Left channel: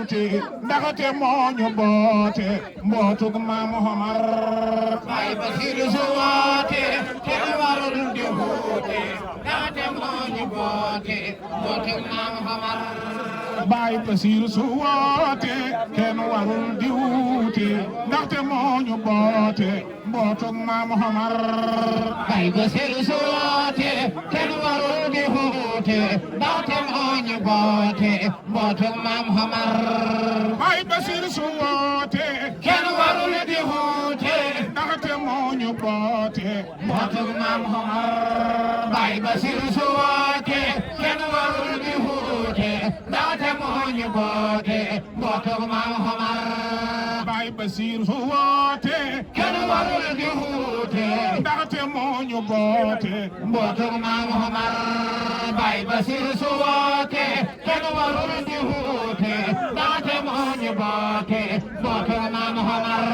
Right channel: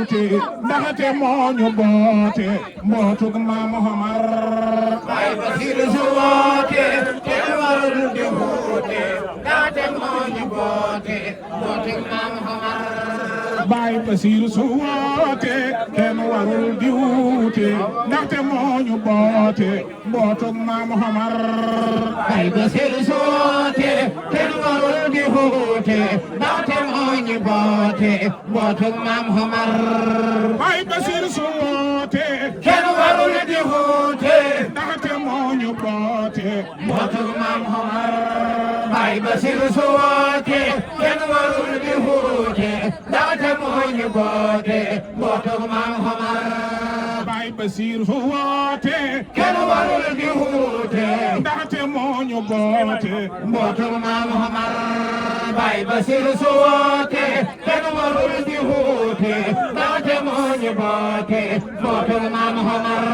wuute ndaxte moo ñu boote mbootug Maam Omar Baay Basiru su woote kenn warul di wuute ndaxte moo ñu boote mbootug Maam Omar Baay Basiru su woote kenn warul di wuute ndaxte moo ñu boote mbootug Maam Omar Baay Basiru su woote kenn warul di wuute ndaxte moo ñu boote mbootug Maam Omar Baay Basiru su woote kenn warul di wuute ndaxte moo ñu boote mbootug Maam Omar Baay Basiru su woote kenn warul di wuute ndaxte moo ñu boote mbootug Maam Omar Baay Basiru su woote kenn warul di wuute ndaxte moo ñu boote mbootug Maam Omar Baay Basiru su woote kenn warul di wuute ndaxte moo ñu boote mbootug Maam Omar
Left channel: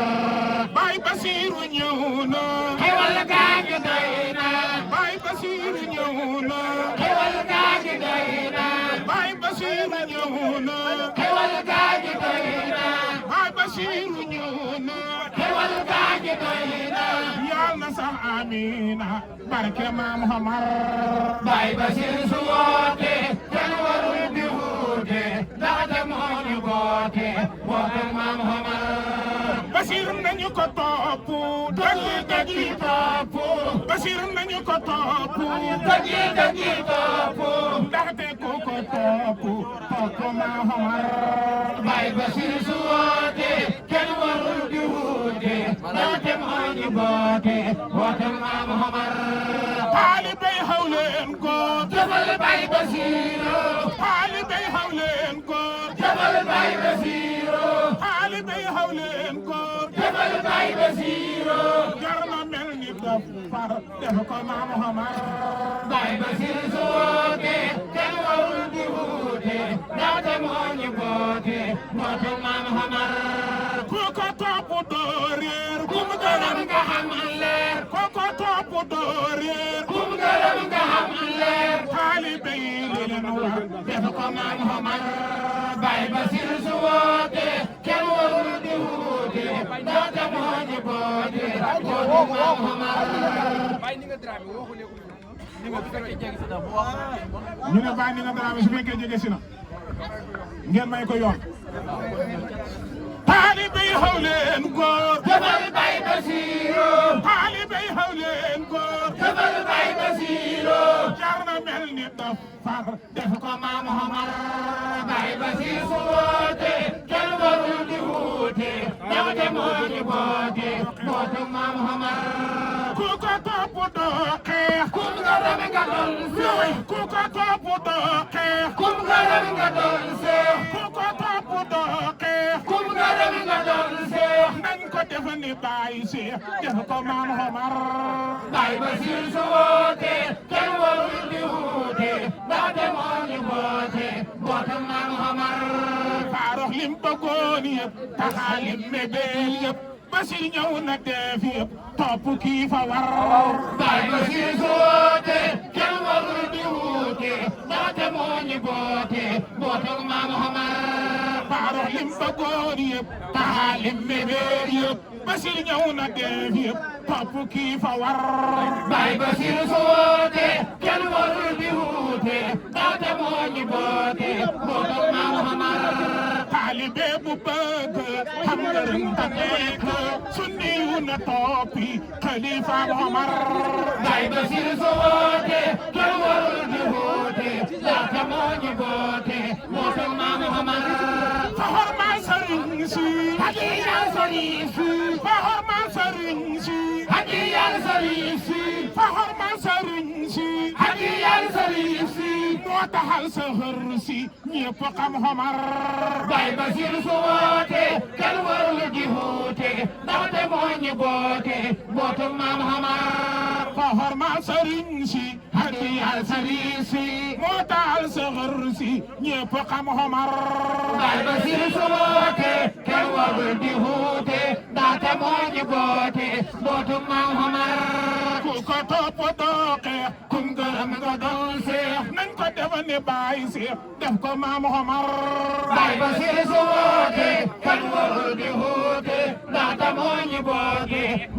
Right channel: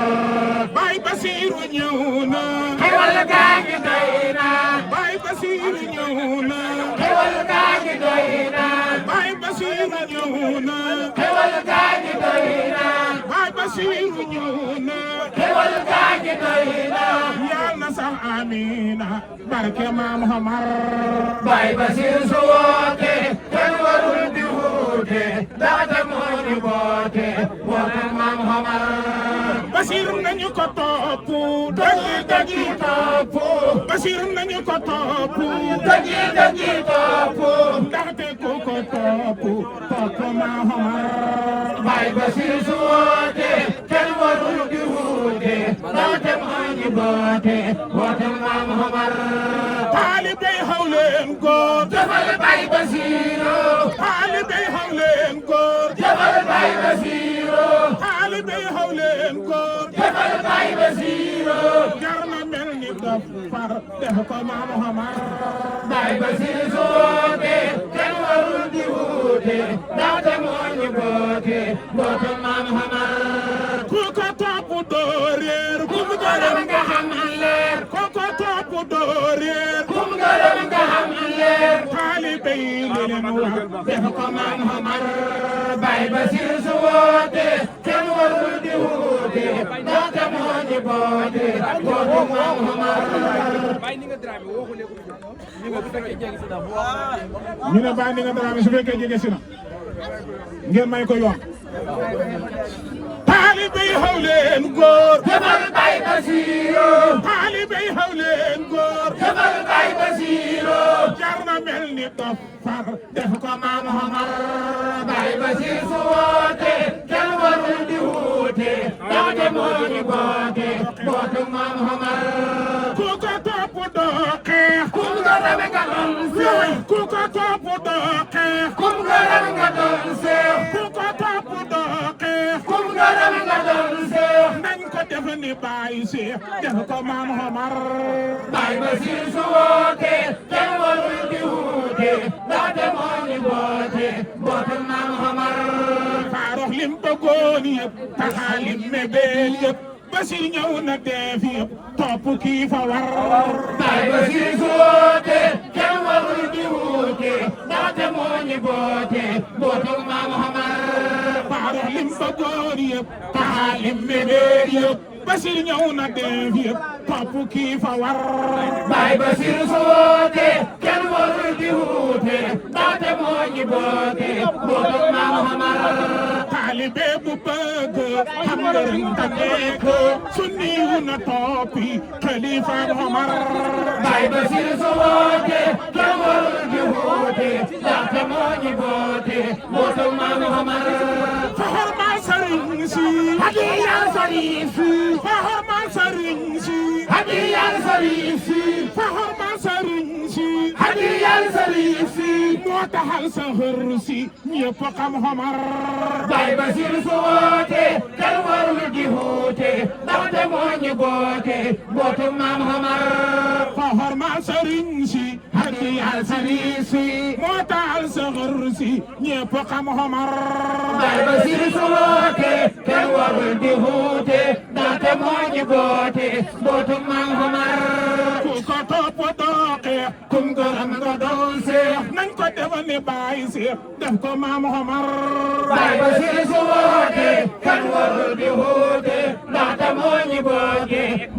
Baay Basiru ñëw na xewal gaa ngi doy na Baay Basiru ñëw na xewal gaa ngi doy na Baay Basiru ñëw na xewal gaa ngi doy na Baay Basiru ñëw na xewal gaa ngi doy na yal na sax amiina barke Maam Omar Baay Basiru su woote kenn warul di wuute ndaxte moo ñu boote mbootug Maam Omar Basiru nañu ko topp dëggi topp Basiru nañu ko topp dëggi topp ndaxte ku ko topp Maam Omar Baay Basiru su woote kenn warul di wuute ndaxte moo ñu boote mbootug Maam Omar taalibe xaw leen góor jëfal Baay Basiru taalibe xaw leen góor jëfal Baay Basiru taalibe xaw leen góor jëfal Baay Basiru jar na mel ni dof far def ko Maam Omar Baay Basiru su woote kenn warul di wuute ndaxte moo ñu boote mbootug Maam Omar ku ko topp doo réer kum gërëm nga xam leer ku ko topp doo réer kum gërëm nga xam leer taalibe yi li leen wax def ko Maam Omar Baay Basiru su woote kenn warul di wuute ndaxte moo ñu boote mbootug Maam Omar ñu ne Baay Ndinga Dramé su fekkee jege si na ngeen may ko yoon taalibe yi xaw leen góor jëfal Baay Basiru taalibe yi xaw leen góor jëfal Baay Basiru jar na mel ni dof far def ko Maam Omar Baay Basiru su woote kenn warul di wuute ndaxte moo ñu boote mbootug Maam Omar ku ko topp doo xeex kum gërëm nga doon seex ku ko topp doo xeex kum gërëm nga doon seex ku ko topp doo xeex kum gërëm nga doon seex nañ ko def ni Baay Seex def ko Maam Omar Baay Basiru su woote kenn warul di wuute ndaxte moo ñu boote mbootug Maam Omar faarox lim bëggoon yëpp taxa lim mébéel yëpp Basiru ñëw na def yëpp topp kii fa war Baay Basiru su woote kenn warul di wuute ndaxte moo ñu boote mbootug Maam Omar faarox lim bëggoon yëpp taxa lim mébéel yëpp Basiru ñëw na def yëpp topp kii fa war Baay Basiru su woote kenn warul di wuute ndaxte moo ñu boote mbootug Maam Omar taalibe bu bëgg xam ngërëm ta nekk sunni yu na toppi Xalifa Omar Baay Basiru su woote kenn warul di wuute ndaxte moo ñu boote mbootug Maam Omar fa xormaal sëriñ si hadiyal sëriñ si fa xormaal sëriñ si hadiyal sëriñ si fa xormaal sëriñ si hadiyal sëriñ si moo taxal sa xër si ñëpp xam Omar Baay Basiru su woote kenn warul di wuute ndaxte moo ñu boote mbootug Maam Omar fa xormaal sëriñ si hadiyal sëriñ si moo taxal sa xër si ñëpp xam Omar Baay Basiru su woote kenn warul di wuute ndaxte moo ñu boote mbootug Maam Omar ku ko topp dooke kum gërëm nga doon seex nañ ko def ni Baay Seex def ko Maam Omar Baay Basiru su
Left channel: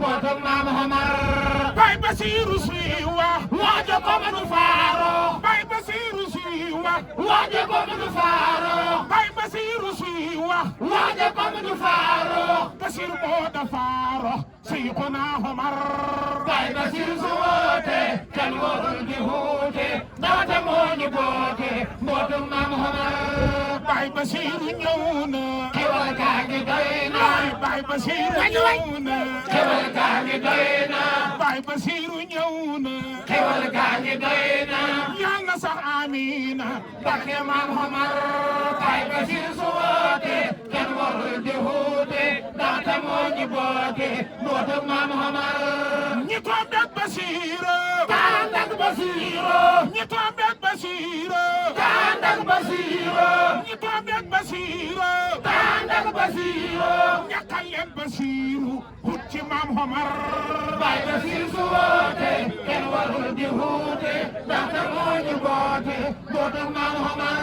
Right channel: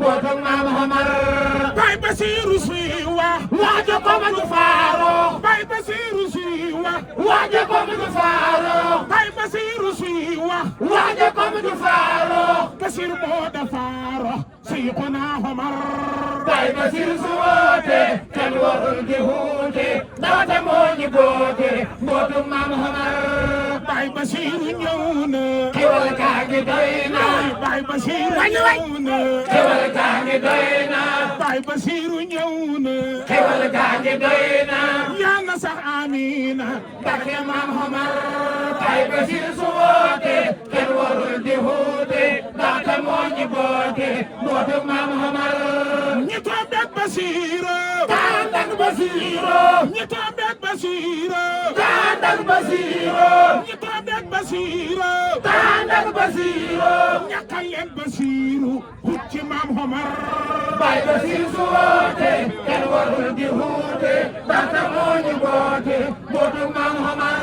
mbootum maam Omar Baay Basiiru suy wax waaja ko ma ñu faaro Baay Basiiru suy wax waaja ko ma ñu faaro Baay Basiiru suy wax waaja ko ma ñu faaro Basiir moo da faaro Seydina Omar Baay Basiiru su woote kenn warul di huute ndaxte moo ñu boote mbootum maam Omar Baay Basiiru ñëw na xewal kaa ngi doy na Baay Basiiru ñëw na xewal kaa ngi doy na Baay Basiiru ñëw na xewal kaa ngi doy na yaa na sax amiina barke maam Omar Baay Basiiru su woote kenn warul di huute ndaxte moo ñu boote mbootum maam Omar ñi tombeek Basiiru tàndak Basiiru ñi tombeek Basiiru tàndak Basiiru ñi tombeek Basiiru tàndak Basiiru ñakkal leen Basiiru hut ci maam Omar Baay Basiiru su woote kenn warul di huute ndaxte moo ñu boote mbootum maam Omar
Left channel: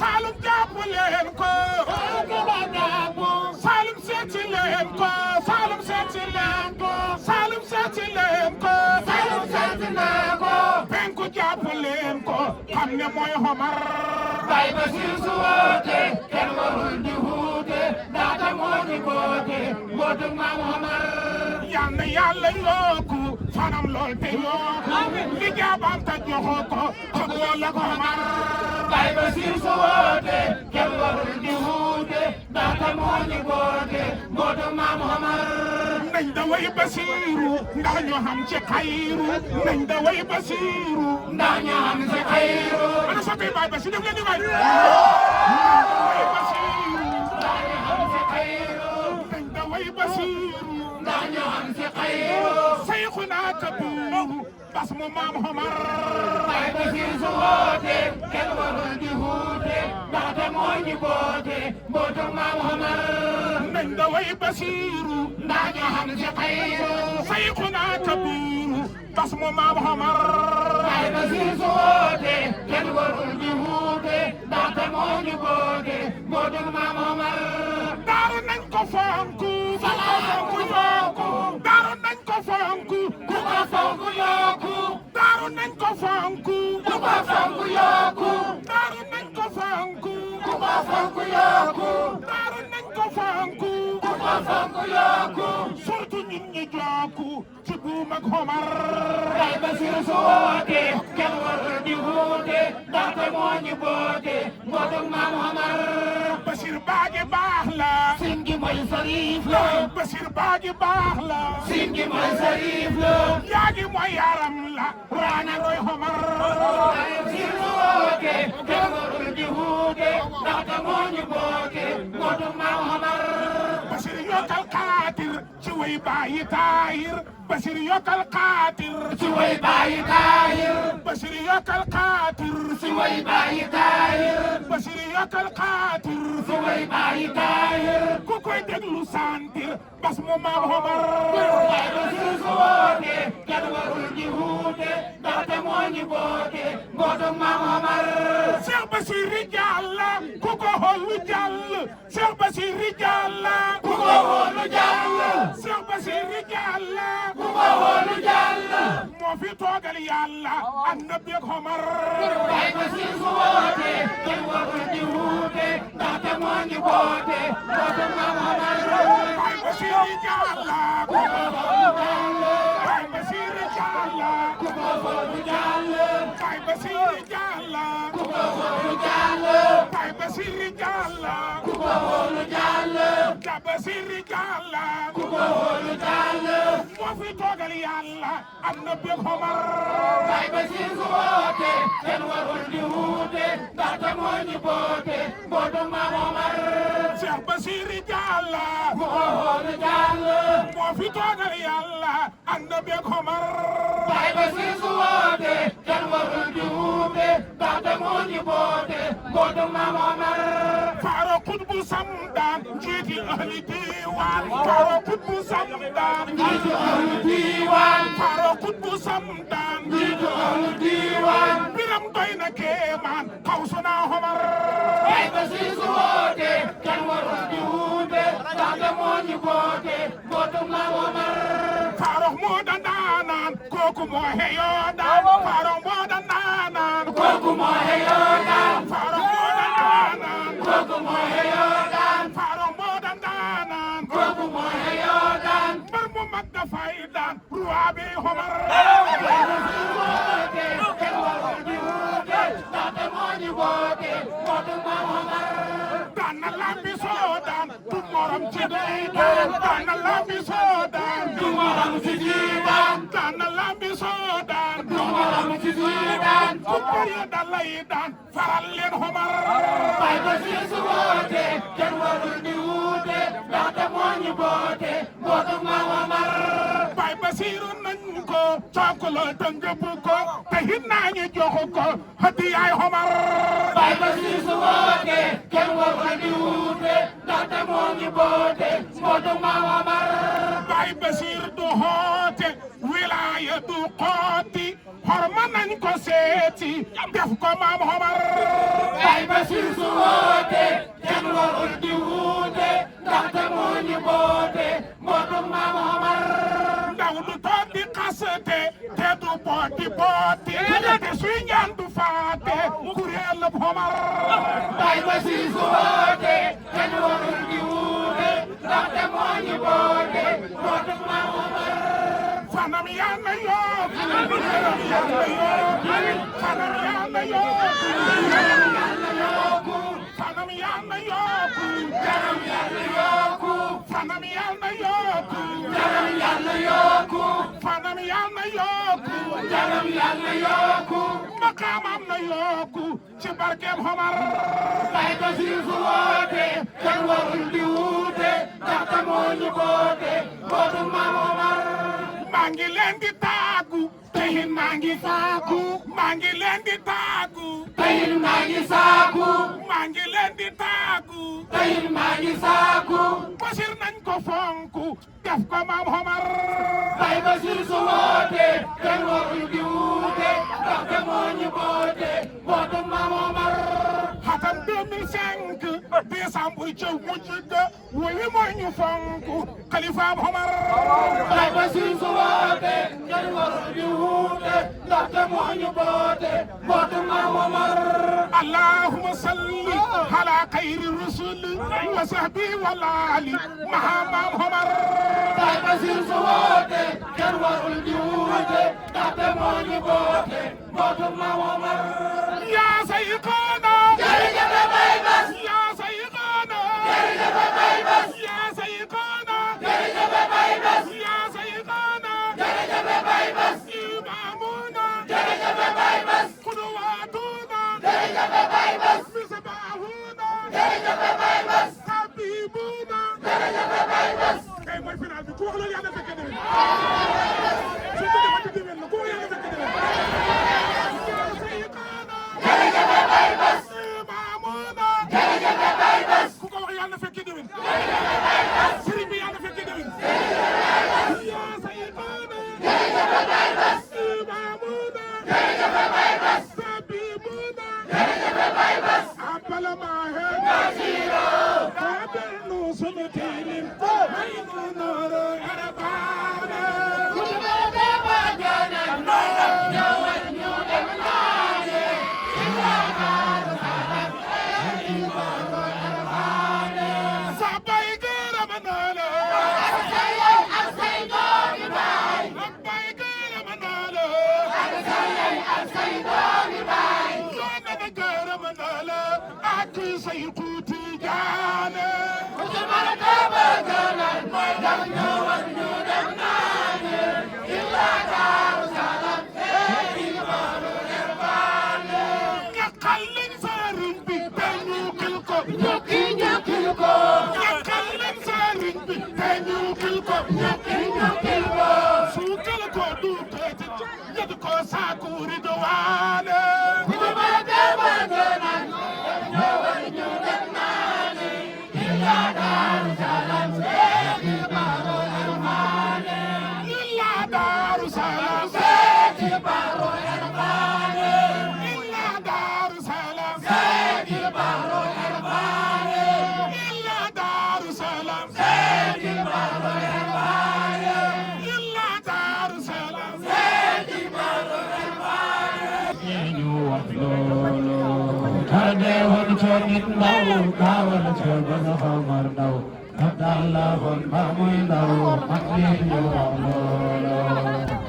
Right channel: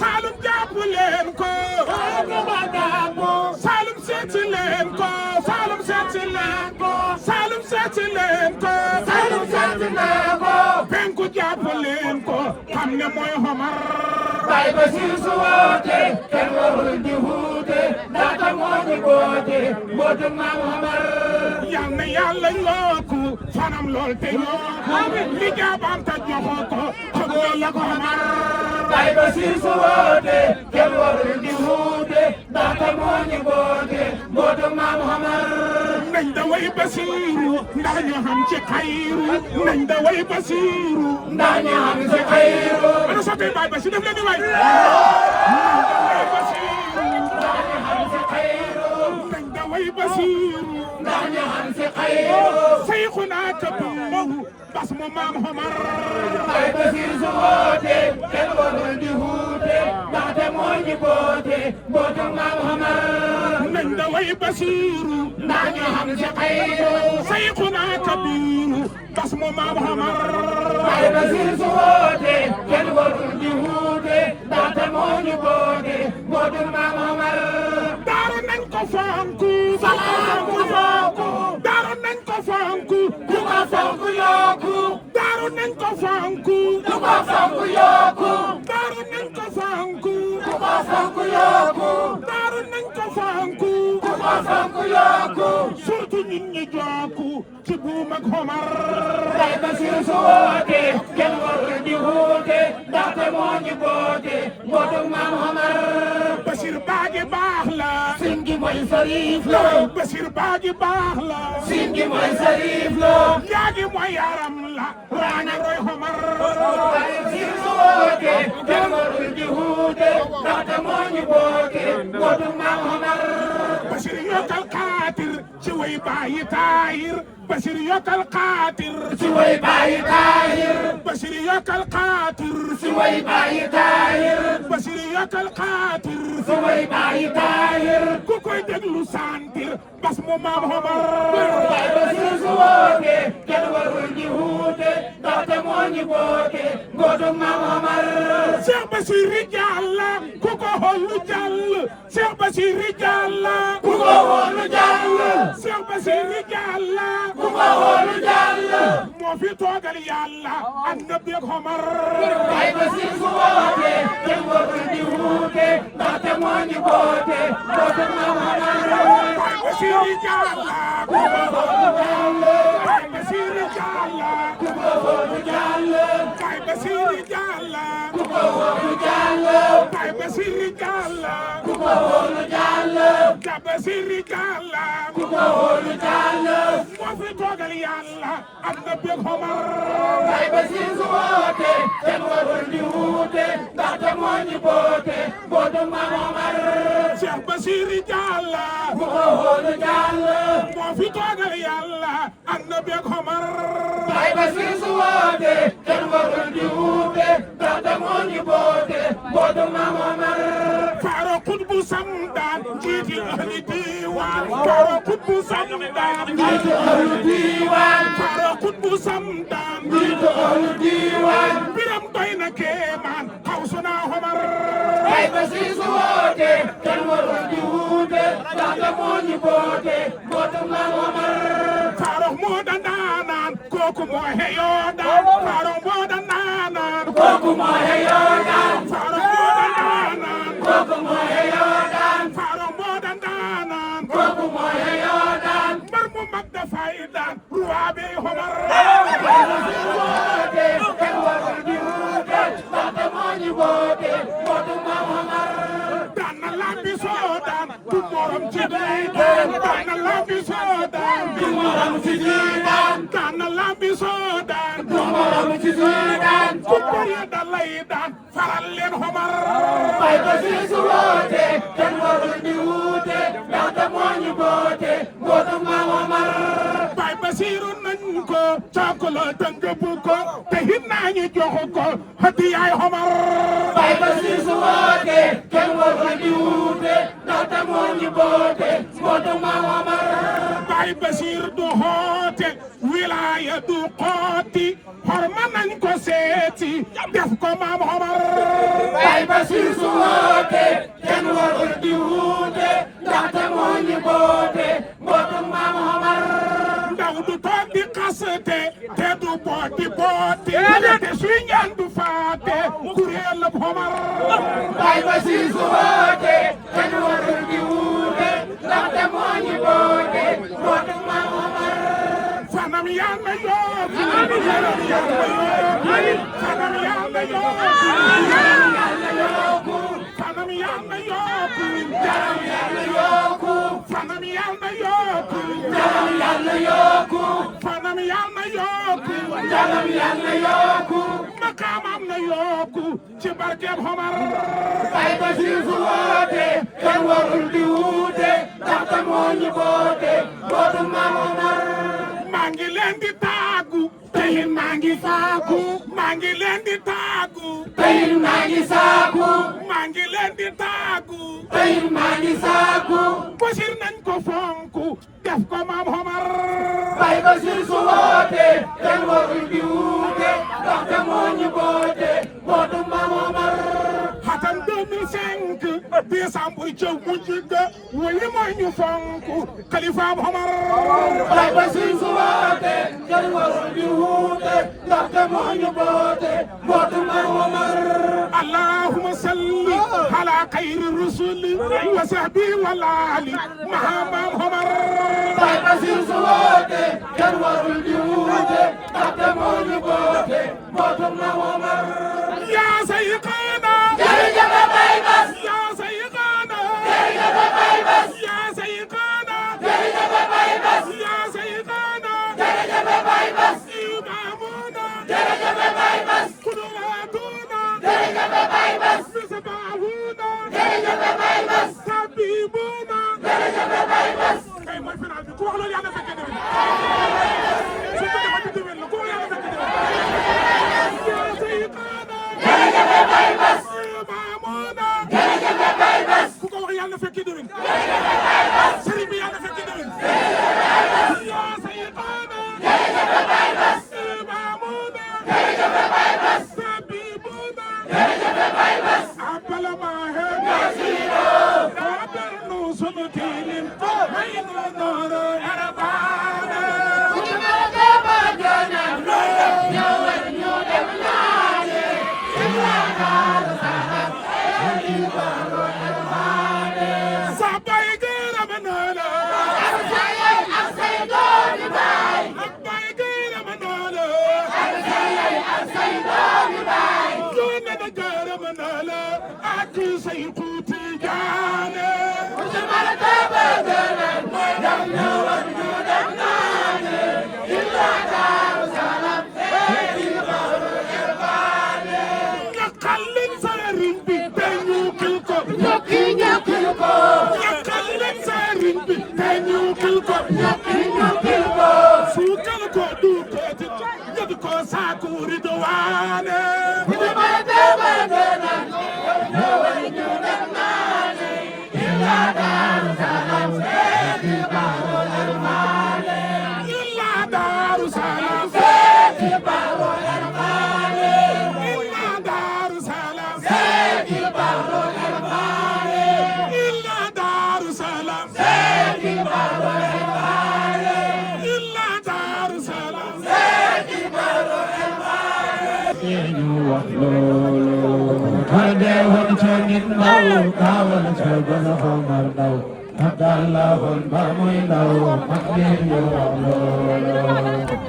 Saalum jàpp leen ko Saalum seeti leen ko Saalum seeti leen ko Saalum seeti leen ko Saalum seeti leen ko penku jàpp leen ko xam ne mooy Omar Baay Basiiru su woote kenn warul di huute ndaxte moo ñu boote mbootum maam Omar yal na Yàlla yokku fanam lool te yokku li jaabam ta joxo ko xam la ko Omar Baay Basiiru su woote kenn warul di huute ndaxte moo ñu boote mbootum maam Omar nañ da way Basiiru ndax ñu xam ci xayru nañ da way Basiiru ndax ñu xam ci xayru ana soppe Baay Basiiru def leen ni waay nañ da way Basiiru ndax ñu xam ci xayru nañ da way Basiiru ndax ñu xam ci xayru Seyxuna Kabiru bas mu maam Omar Baay Basiiru su woote kenn warul di huute ndaxte moo ñu boote mbootum maam Omar nañ da way Basiiru ndax ñu xam ci xayru Seyxuna Kabiru bas mu maam Omar Baay Basiiru su woote kenn warul di huute ndaxte moo ñu boote mbootum maam Omar daaru nañ ko fonku fonku daaru nañ ko fonku ku ko fonku yokku daaru nañ ko fonku ku ko fonku yokku daaru nañ ko fonku ku ko fonku yokku daaru nañ ko fonku ku ko fonku yokku surtout ñun ñi jokku ci buum ak Omar Baay Basiiru su woote kenn warul di huute ndaxte moo ñu boote mbootum maam Omar Basiir baaji baax la sin gi mooy Sariif la Basiir baaji baax la sin gi mooy Sariif la yaa gi mooy yaram la waana roy Omar Baay Basiiru su woote kenn warul di huute ndaxte moo ñu boote mbootum maam Omar Basiir yokkal Xaatir ci way baayi Taahir Basiir yokkal Xaatir ci way baayi Taahir Basiir yokkal Xaatir ci way baayi Taahir Basiir yokkal Xaatir ci way baayi Taahir ku koy déglu santir bas mu maam Omar Baay Basiiru su woote kenn warul di huute ndaxte moo ñu boote mbootum maam Omar Cheikh Basiiru jàll ku ko xoolu jàll Cheikh Basiiru jàll ku ko xoolu jàll Cheikh Basiiru jàll ku ko xoolu jàll moo fi toogal Yàlla ak Nabi ak Omar Baay Basiiru su woote kenn warul di huute ndaxte moo ñu boote mbootum maam Omar Baay Basiiru jàll ku ko xoolu jàll Baay Basiiru jàll ku ko xoolu jàll Baay Basiiru jàll ku ko xoolu jàll Baay Basiiru jàll ku ko xoolu jàll Baay Basiiru jàll ku ko xoolu jàll moo fi toogal Yàlla ak Nabi ak Omar Baay Basiiru su woote kenn warul di huute ndaxte moo ñu boote mbootum maam Omar Cheikh Basiiru jàll ku ko xoolu jàll moo fi toogal Yàlla ak Nabi ak Omar Baay Basiiru su woote kenn warul di huute ndaxte moo ñu boote mbootum maam Omar Faaro Xutbu Samdaan jiiti ahli diiwaan Faaro Xutbu Samdaan jiiti ahli diiwaan Faaro Xutbu Samdaan jiiti ahli diiwaan biram doy na kéemaan xaw su naa Omar Baay Basiiru su woote kenn warul di huute ndaxte moo ñu boote mbootu Maam Omar Farouk moo da ndaanaan kooku moo xeyoo daan Farouk moo da ndaanaan kooku moo xeyoo daan Farouk moo da ndaanaan kooku moo xeyoo daan Farouk moo da ndaanaan kooku moo xeyoo daan mbër mu mag dafay daan roi bi Omar kenn warul di wuute ndaxte moo ñu boote mbootu Maam Omar daan na lambi soo daan du morom ci day daan daan na lambi soo daan du morom ci day daan daan na lambi soo daan du morom ci day daan ku bëri da lay daan faral leen Omar bay ba si su woote kenn warul di wuute ndaxte moo ñu boote mbootu Maam Omar bay ba siiru nañ ko coklo tëngëb ko te hit naa ñu jox ko hadiyaay Omar bay ba si su woote kenn warul di wuute ndaxte moo ñu boote mbootu Maam Omar bay ba siir du xoote wilaaya du xooti xorma nañ ko seeti def ko Maam Omar bay ba siir su woote kenn warul di wuute ndaxte moo ñu boote mbootu Maam Omar ndaw du toog di xaste te du boot di boote te suy ñaan du faate kuréel la Omar bay ba siir su woote kenn warul di wuute ndaxte moo ñu boote mbootu Maam Omar fanam yàlla yóbbu fanam yàlla yóbbu fanam yàlla yóbbu fanam yàlla yóbbu jaram yàlla yóbbu fanam yàlla yóbbu jaram yàlla yóbbu fanam yàlla yóbbu jaram yàlla yóbbu maqaamam na yóbbu ci barkeem Omar bay ba si su woote kenn warul di wuute ndaxte moo ñu boote mbootu Maam Omar maa ngi leen di taagu tey maa ngi saaku maa ngi leen di taagu tey maa ngi saaku maa ngi leen di taagu tey maa ngi saaku Basiir nañ ko fonku def ko Maam Omar bay Basiir su woote kenn warul di wuute ndaxte moo ñu boote mbootu Maam Omar xatam 2005 décembre ca mujj ga wali mooy ñu fonku Xalifa Omar bay Basiir su woote kenn warul di wuute ndaxte moo ñu boote mbootu Maam Omar allahumma salli ala xayri rusul wa sahbi wal ali maha Maam Omar bay Basiir su woote kenn warul di wuute ndaxte moo ñu boote mbootu Maam Omar yaa sayxaana jërëjëf Baay Bas yaa sayxaana jërëjëf Baay Bas yaa sayxaana jërëjëf Baay Bas yaa sayxaana jërëjëf Baay Bas imaamuna jërëjëf Baay Bas qudwatuna jërëjëf Baay Bas misbaahuna jërëjëf Baay Bas habibuna jërëjëf Baay Bas kay mooy final bi ku wax loolu yàlla fekk déwén ku wax yàlla fekk déwén yaa sayxaana jërëjëf Baay Bas imaamuna jërëjëf Baay Bas ku ko wax yàlla fekk déwén sëriñ bi yàlla fekk déwén yaa sayxaana jërëjëf Baay Bas imaamuna jërëjëf Baay Bas habibuna jërëjëf Baay Bas abala maahe nasiro abal nu suñu tiilim ko may nu nooro arabaana suñu nooro ba jona ñëwal ñu dem ñaane siyaakaar saxar ay baro arabaane sabay gërëm na la ak say yaay ak say doomi baay ak bay gërëm na la ak say yaay ak say doomi baay yónne na gërëm na la ak say tuuti jaane su mala taba gëna daw ñëwal ñu dem naane illa Daaru Salaam ay baro arabaane ñakkal leen sëriñ bi te ñu kil ko ñokkil ko ñakkal leen sëriñ bi te ñu kil ko ñokkil ko suukal ko duuteeti ñed ko saaku ridwaane su mala taba gëna ñëwal ñu dem naane illa Daaru Salaam ay baro arabaane illa Daaru Salaam ay baro arabaane illa Daaru Salaam ay baro arabaane illa Daaru Salaam loolu kay dee woon ca nit ndaw gaawal ca gën a xamar ndaw abdal la woon ba muy ndaw mag ñi ñu wax loolu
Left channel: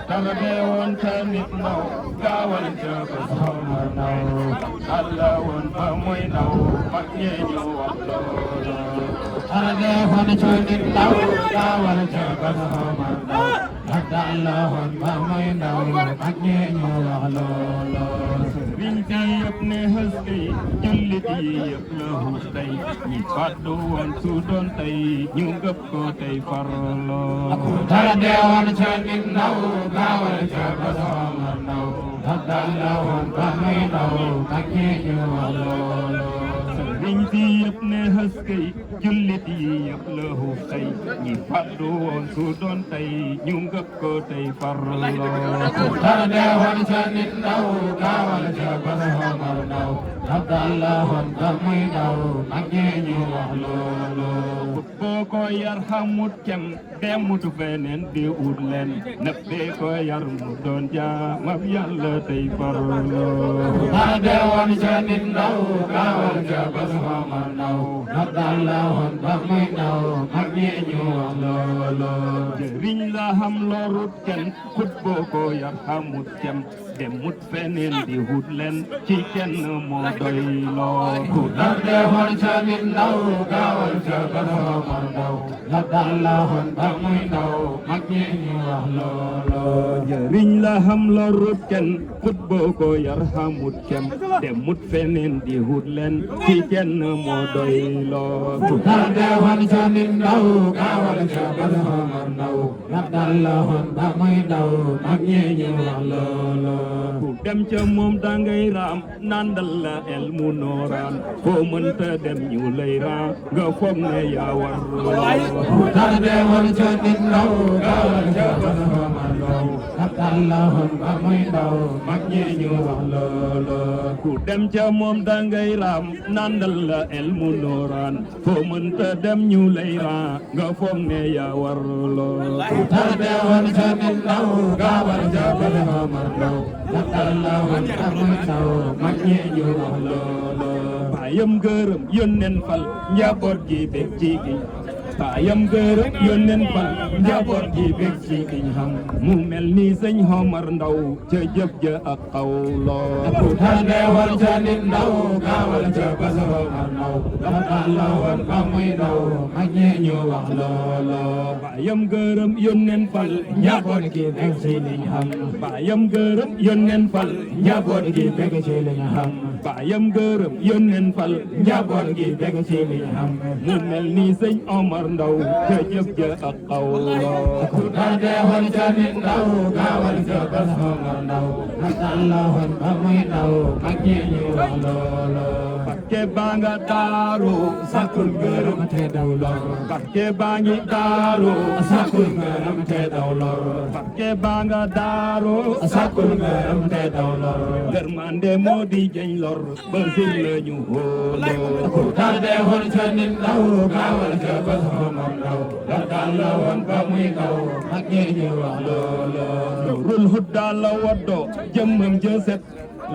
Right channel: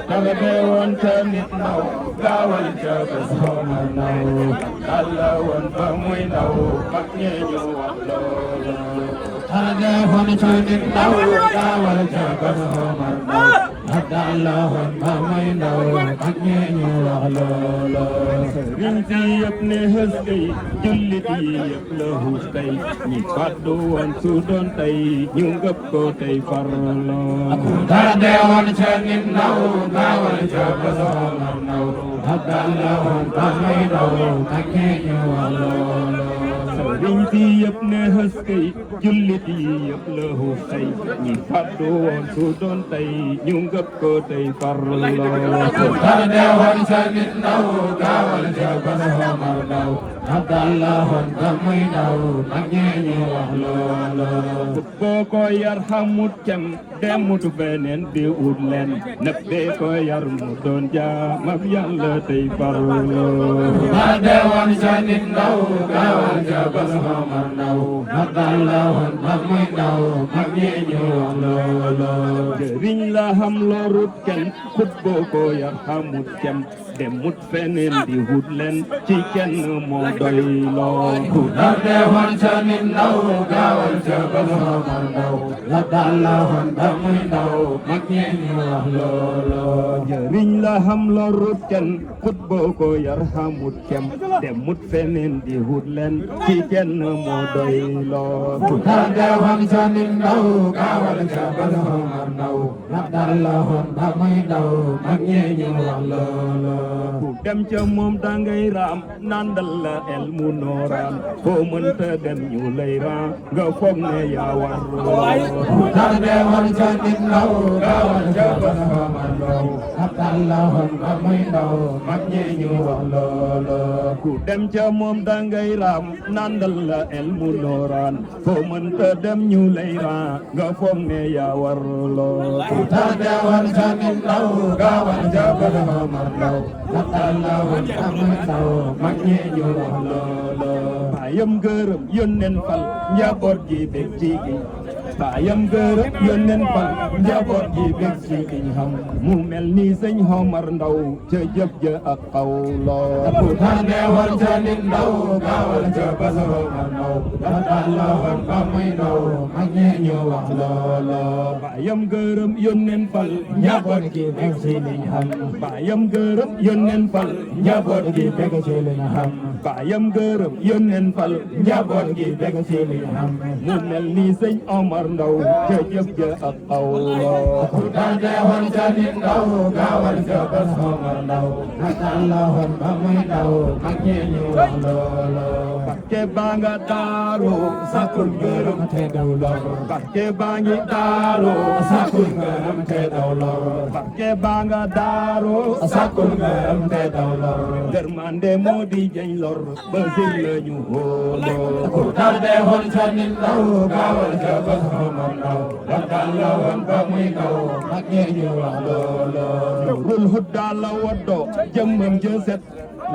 kay dee woon ca nit ndaw gaawal ca gën a xamar ndaw abdal la woon ba muy ndaw mag ñi ñu wax loolu kay dee woon ca nit ndaw gaawal ca gën a xamar ndaw abdal la woon ba muy ndaw mag ñi ñu wax loolu sëriñ si yëpp ne xës kay jullit yi yëpp la xuus tey ñi fàddu woon su doon tey ñu ngëp ko tey farloo dara dee woon ca nit ndaw gaawal ca basooma ndaw abdal la woon ba muy ndaw mag ñi ñu wax loolu sëriñ si yëpp ne xës kay jullit yi yëpp la xuus tey ñi fàddu woon su doon tey ñu ngëp ko tey farloo dara dee woon ca nit ndaw gaawal ca basooma ndaw abdal la woon ba muy ndaw mag ñi ñu wax loolu boo ko yar xamut cam demut feneen di ut leen nag bee ko yar mu doon jaam ak yàlla tey farloo dara dee woon ca nit ndaw gaawal ca basooma ndaw abdal la woon ba muy ndaw mag ñi ñu wax loolu jëriñ la xam lorut kenn kut boo ko yar xamut cam demut feneen di ut leen ci kenn moo doy loo dara dee woon ca nit ndaw gaawal ca basooma ndaw abdal la woon ba muy ndaw mag ñi ñu wax loolu jëriñ la xam lorut kenn kut boo ko yar xamut kem demut feneen di ut leen ci kenn moo doy loo dara dee woon ca nit ndaw gaawal ca basooma ndaw abdal la woon ba muy ndaw mag ñi ñu wax loolu ku dem ca moom dangay raam nandal la el mu nooraan foo mënta dem ñu lay raam nga foog ne yaa war dara dee woon ca nit ndaw gaawal ca basooma ndaw abdal la woon ba muy ndaw mag ñi ñu wax loolu ku dem ca moom dangay raam nandal la el mu nooraan foo mënta dem ñu lay raam nga foog ne yaa war loolu dara dee woon ca nit ndaw gaawal ca basooma ndaw abdal la woon ba muy ndaw mag ñi ñu wax loolu baayam gërëm yónneen fal njaboot gi bég ci gi baayam gërëm yónneen fal njaboot gi bég ci gi xam mu mel ni sëñ Omar Ndaw ca jëf ja ak xawloo ku dara dee woon ca nit ndaw gaawal ca basooma ndaw abdal la woon ba muy ndaw mag ñi ñu wax loolu baayam gërëm yónneen fal njaboot gi bég ci liñ xam baayam gërëm yónneen fal njaboot gi bég ci liñ xam baayam gërëm yónneen fal njaboot gi bég ci liñ xam mu mel ni sëñ Omar Ndaw ca jëf ja ak xawloo ku dara dee woon ca nit ndaw gaawal ca basooma ndaw abdal la woon ba muy ndaw mag ñi ñu wax loolu barke baa nga daaru sakul gërëm te daw lor barke baa ngi daaru sakul gërëm te daw lor barke baa nga daaru sakul gërëm te daw lor gërmande moo di jeñ lor ba sil la ñu hóoloo ku dara dee woon ca nit ndaw gaawal ca basooma ndaw abdal la woon ba muy ndaw mag ñi ñu wax loolu Nuurul Huda la woddoo jëmmam ja set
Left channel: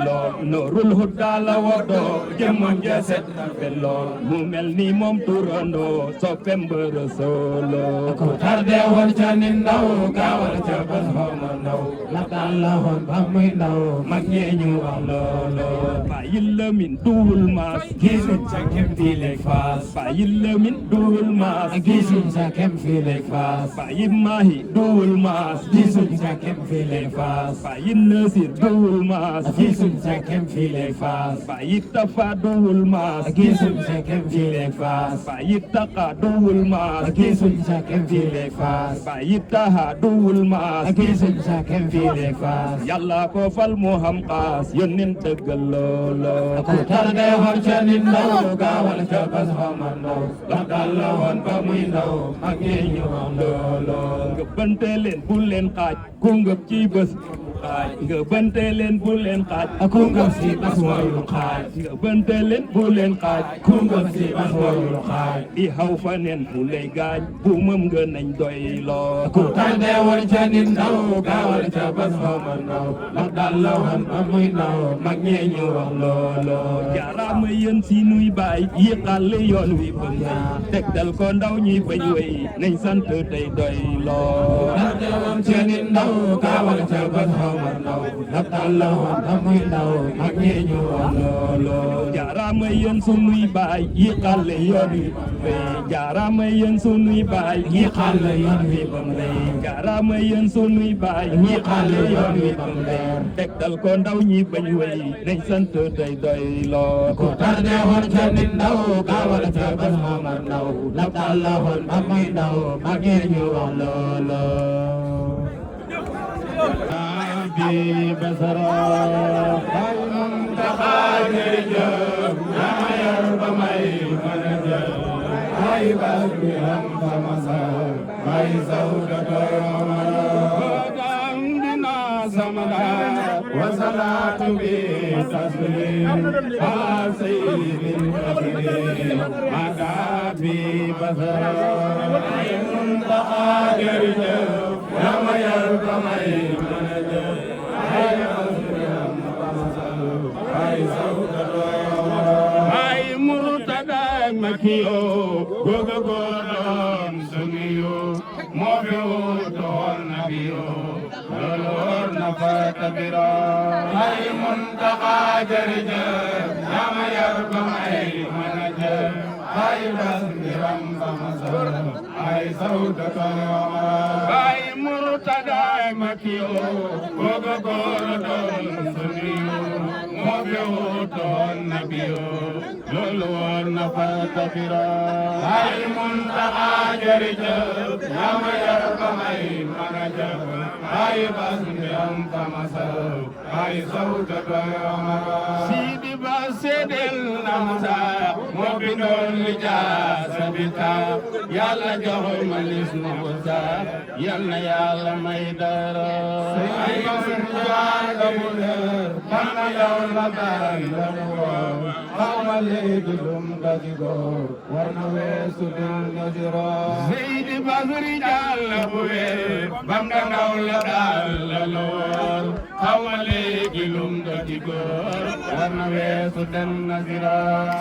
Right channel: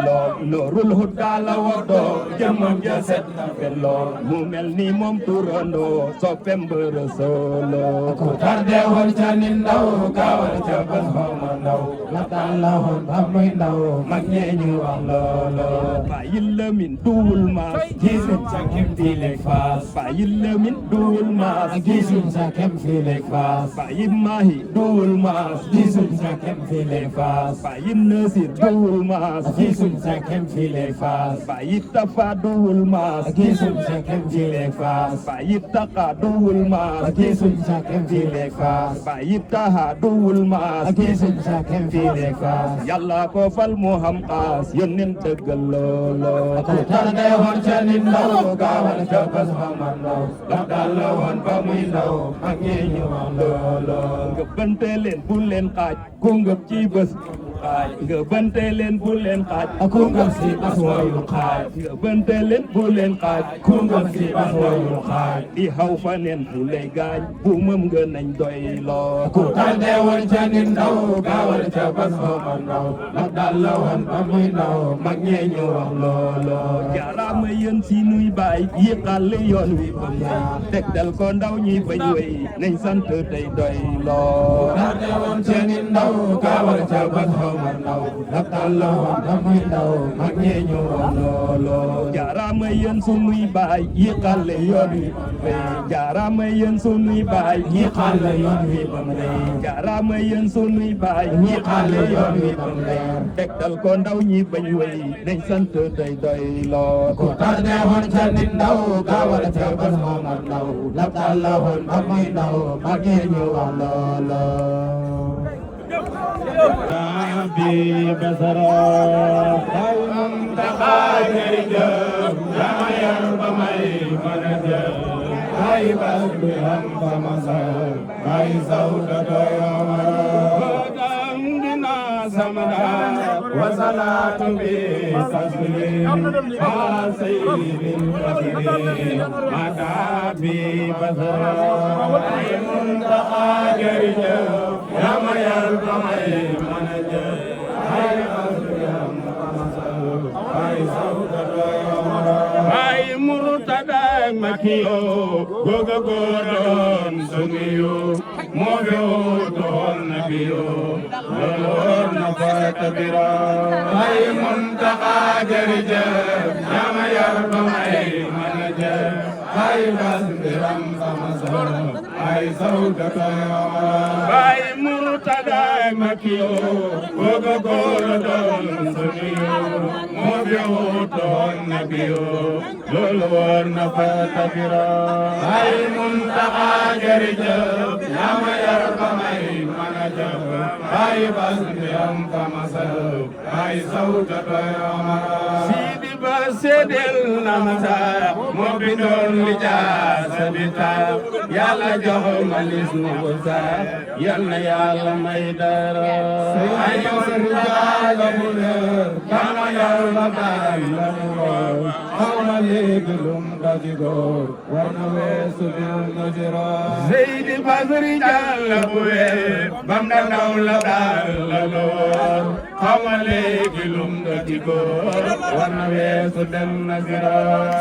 lool Nuurul Huda la woddoo jëmmam ja set fen lool mu mel ni moom turandoo soppem bërë solo ku dara dee woon ca nit ndaw gaawal ca basooma ndaw abdal la woon ba muy ndaw mag ñi ñu wax loolu bàyyil la min duwul maas gisuñ sa kem fii leeg faas bàyyil la min duwul maas gisuñ sa kem fii leeg faas bàyyil maahi duwul maas gisuñ sa kem fii leeg faas bàyyil nasir duwul maas gisuñ sa kem fii leeg faas bàyyil tafa duwul maas gisuñ sa kem fii leeg faas bàyyil taqa duwul maas gisuñ sa kem fii leeg faas bàyyil taha duwul maas gisuñ sa kem fii leeg faas yàlla ko fal moo xam xaas yónneen dëggal loolo ku dara dee woon ca nit ndaw gaawal ca basooma ndaw abdal la woon ba muy ndaw mag ñi ñu wax loolo ngëbbante leen bu leen xaaj ku ngëb ci bés xaaj nga bënte leen bu leen xaaj ku ngëm si bas wayul xaaj nga bënte leen bu leen xaaj ku ngëm si bas wayul xaaj di xaw fa neen fu lay gaañ bu mëm nga nañ doy loo ku tànne woon ca nit ndaw gaawal ca bas xoma ndaw ndax daal la woon ba muy ndaw mag ñee ñu wax looloo jaaraama yéen si nuy baay yi xàll yoon wi ba may tegtal ko ndaw ñi bañ wey nañ sant tey doy loo tànne woon ca nit ndaw gaawal ca bas xoma ndaw ndax daal la woon ba muy ndaw mag ñee ñu wax looloo jaaraama yéen sunuy baay yi xàll yoon wi ba may jaaraama yéen sunuy baay yi xàll yoon wi ba may jaaraama yéen sunuy baay yi xàll yoon wi ba may tegtal ko ndaw ñi bañ wey nañ sant tey doy loo ko tànne woon ca nit ndaw gaawal ca bas xoma ndaw ndax daal la woon ba muy ndaw mag ñee ñu wax looloo bi basara ay Muntaxa jërëjëf yaa yar ba may mën a jëf ay bas bi am ba masal ay sawda doyomara dam dina samada wasalaatu bi taslim ala sayyidil fasirin mada bi basara ay Muntaxa jërëjëf yaa yar ba may mën a jëf ay bas bi am ba masal ay sawda doyomara ay Murtada Makiyo goga godon suniyo moo fi wuutoon nabiyo loolu war na fa tabira ay Muntaxa jërëjëf yaa ma yar ba may mën a jëf ay bas mbiram sama sal ay sawda doyomara ay Murtada Makiyo goga godon suniyo moo fi wuutoon nabiyo loolu war na fa tabira ay Muntaxa jërëjëf yaa ma yar ba may mën a jëf ay bas mbiram fa masal ay sawda doyomara Sidi Ba seedeel na ma sax moo bindoon li jaasa bi tax Yàlla jox ma lis nu ko sax yal na Yàlla may dara ay Muntaxa la mu leer yaa ma yar ba may la mu raw xama léegi lum daji góor war na weesu dund jira Seydi Basri Jàlla bu wér bam da ndaw la daal la loor xama léegi lum daji góor war na weesu dem na jira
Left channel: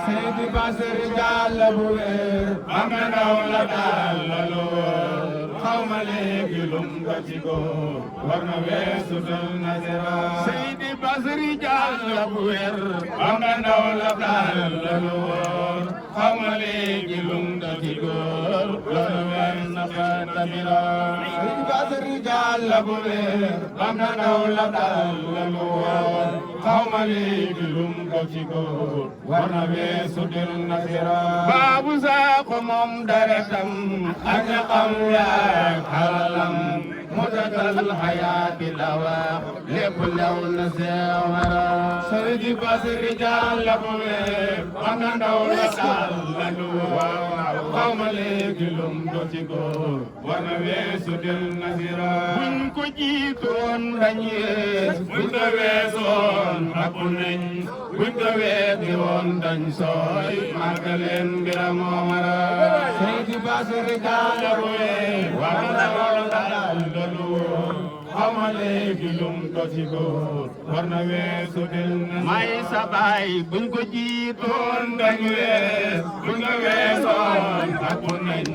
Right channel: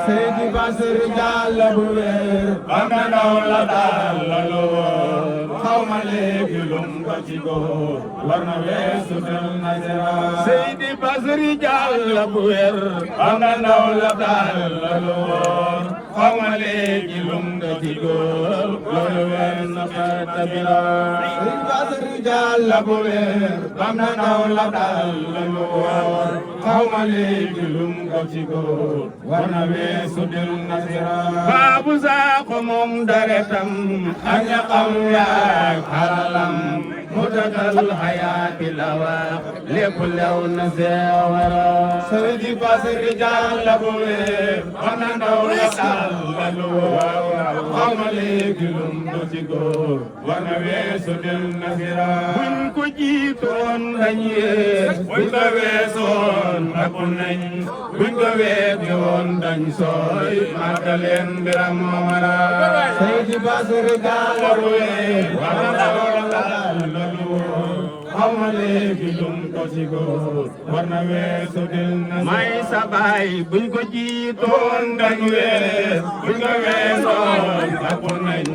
Seydi Basri Jàlla bu wér bam da ndaw la daal la loor xama léegi lum daji góor war na weesu dem na jira Seydi Basri Jàlla bu wér bam da ndaw la daal la loor xama léegi lum daji góor loolu weer na fa tabira Seydi Basri Jàlla bu wér bam da ndaw la daal la loor xama léegi lum daji góor war na weesu dem na jira Baabu Saaxo moom deretam ak ñaqam yaak xalalam mutatal xayaati la wax lépp lew na seewara Seydi Basri Jàlla bu wér bam da ndaw la daal la loor xama léegi lum daji góor war na weesu dem na jira buñ ko jiitoon dañ yees buñ ko weesoon takku nañ buñ ko weesi woon dañ sooy màggaleen mbiram wara Seydi Basri Jàlla bu wér bam da ndaw la daal la loor xama léegi lum daji góor war na weesu dem na may sa baay buñ ko jiitoon dañ wees buñ ko weesoon takku nañ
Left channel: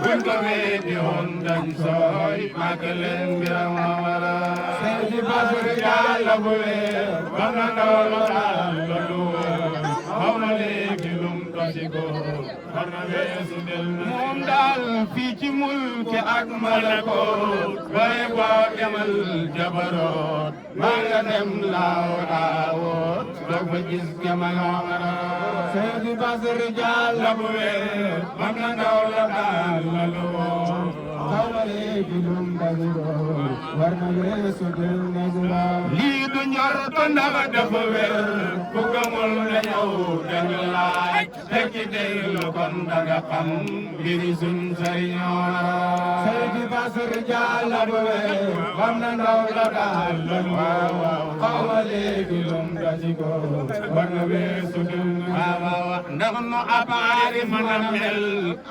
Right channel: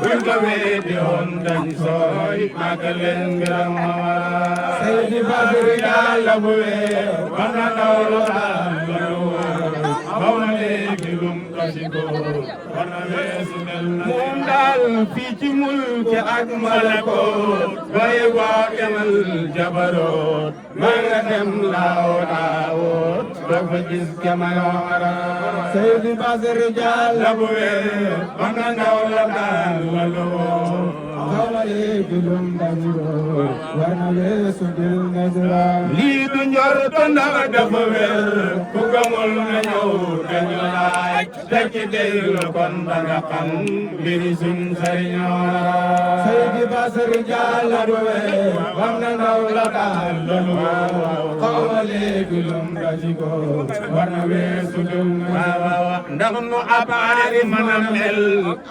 buñ ko weesi woon dañ sooy màggaleen mbiram wara Seydi Basri Jàlla bu wér bam da ndaw la daal la loor xama léegi lum daji góor war na weesu dem na moom daal fii ci mulki ak malakoot waaye boo demal jabaroot maa nga dem laaw laawoot doo fa gis kema yoomara Seydi Basri Jàlla bu wér bam da ndaw la daal la loor xama léegi lum daji góor war na weesu dem na jira lii du du njorto ndax dafa wér ku gëmul na ñëw dañu laaj tekki déglu kon danga xam mbiri suñ sëriñoo la Seydi Basari Jàlla bu wér wax na ndaw la daal loolu xaw ma léegi lum daji ko war na weesu dum waaw ndax nu abaari mën a mel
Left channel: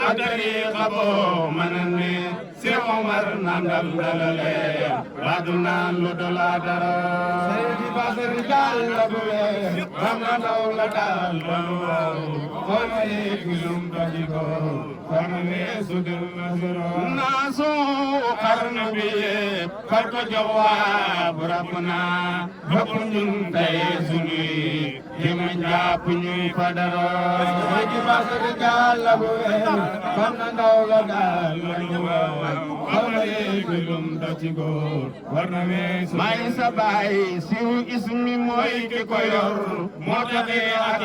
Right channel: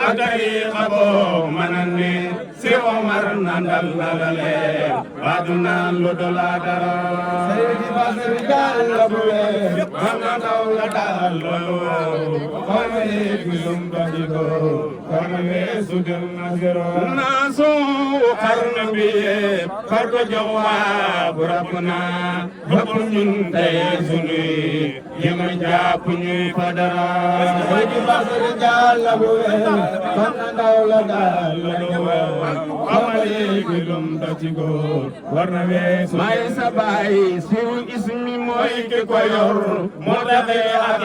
ak tariixa boo mën a ne si Omar nandal na la leer waa du naan lu dola dara Seydi Basari Jàlla bu wér wax na ndaw la daal loolu xaw ma léegi lum daji ko war na weesu dum naasu xarnu bi yépp far ko jox waa bu rab naa bëpp ñun tey sunuy yëma jàpp ñuy fadara Seydi Basari Jàlla bu wér kon na ndaw la daal loolu xamale gi lum do ci góor war na weesu may sa baay siw ismi mooy ki ko yor moo taxee ak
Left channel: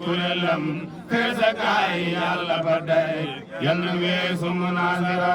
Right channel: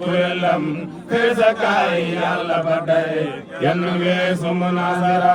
kuréelam feesa kaay yàlla ba day yan weesu munasara